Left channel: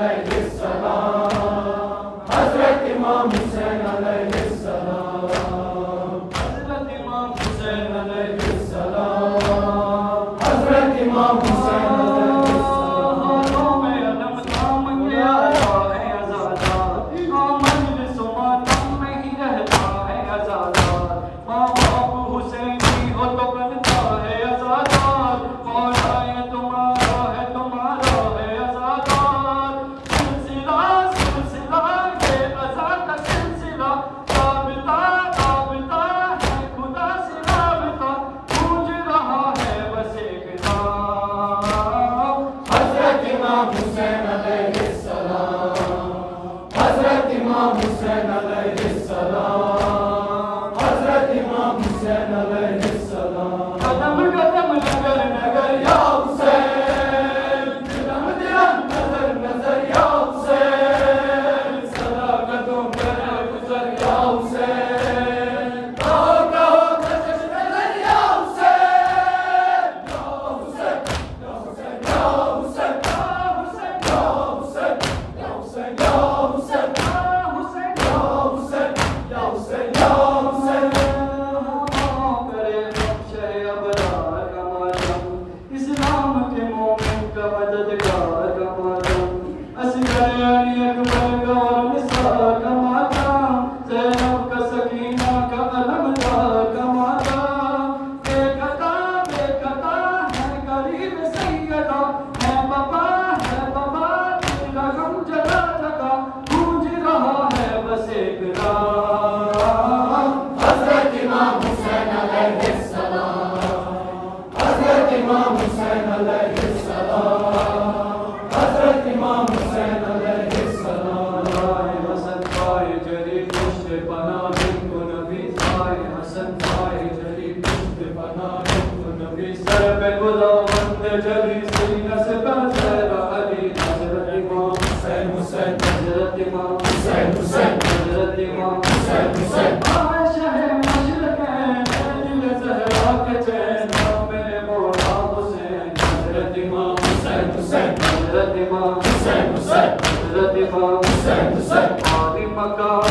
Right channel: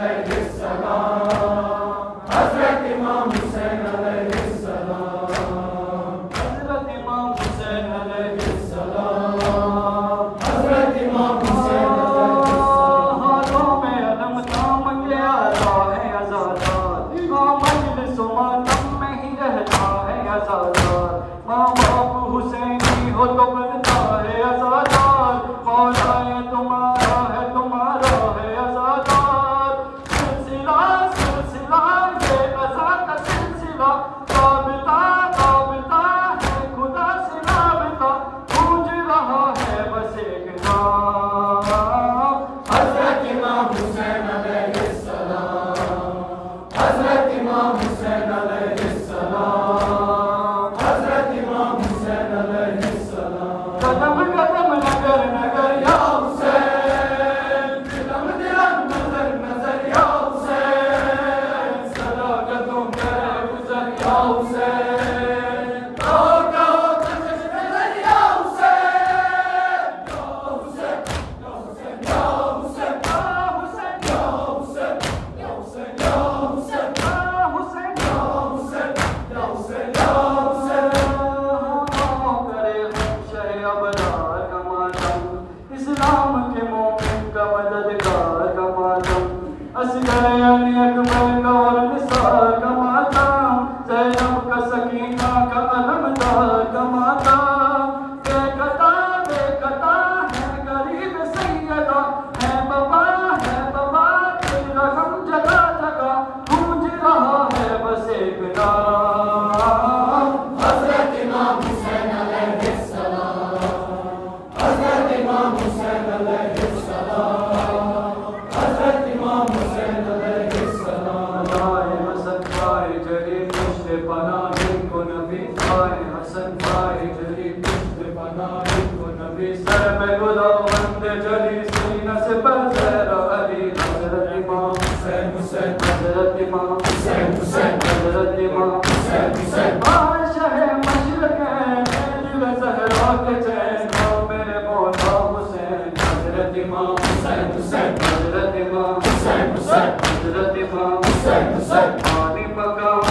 علیہ السلام، حضرت امام حسین علیہ السلام، حضرت امام حسین علیہ السلام، حضرت امام حسین علیہ السلام۔ ہاتھوں میں علم تھام کے آیا ہے آزادار، امام مجلس و ماتم میں ہی رہتا ہے آزادار، ماں باپ حسینی ہو تو کرتا ہے آزادار، مولا تمہارا ہے تمہارا ہے آزادار، سلسلہ سلسلہ یہ ازا کا سلسلہ، رابطہ رابطہ ہے خدا سے رابطہ، گونج رہا ہے بس ایک نام، حضرت امام حسین علیہ السلام، حضرت امام حسین علیہ السلام، حضرت امام حسین علیہ السلام۔ قدم قدم نگر نگر یا حسین، دلم دلم نظر نظر یا حسین، صداقتوں کا گزر یا حسین، کہو کہو کشش نظر یا حسین، یا حسین یا حسین یا حسین یا حسین یا حسین یا حسین یا حسین یا حسین یا حسین یا حسین۔ کرے شہ ابرار کا ماتم، اسلام کے مومن کا مددگار کا ماتم، اصغر علی اکبر کا اور نثار کا ماتم، زینب کا سکینہ کا علمدار کا ماتم، بے قطع ہے غریب سیدہ، ہے بابا دل رقم جگہ جگہ، گونج رہا ہے بس ایک نام، حضرت امام حسین علیہ السلام، حضرت امام حسین علیہ السلام، حضرت امام حسین علیہ السلام۔ حسن بھائی جلی پشت پناہ جن کو نبی آئے، حسن بھائی جلی پشت پناہ جن کو نبی، سر میں خداوند جلی سینہ سے پر زہرا علی، حضرت امام حسین حسین، حضرت امام حسین حسین، حضرت امام حسین حسین۔ شہ مشرقین دل زہرا کے چین، میرے مولا حسین، حضرت امام حسین حسین، حضرت امام حسین حسین، حضرت امام حسین حسین۔ عالی مقام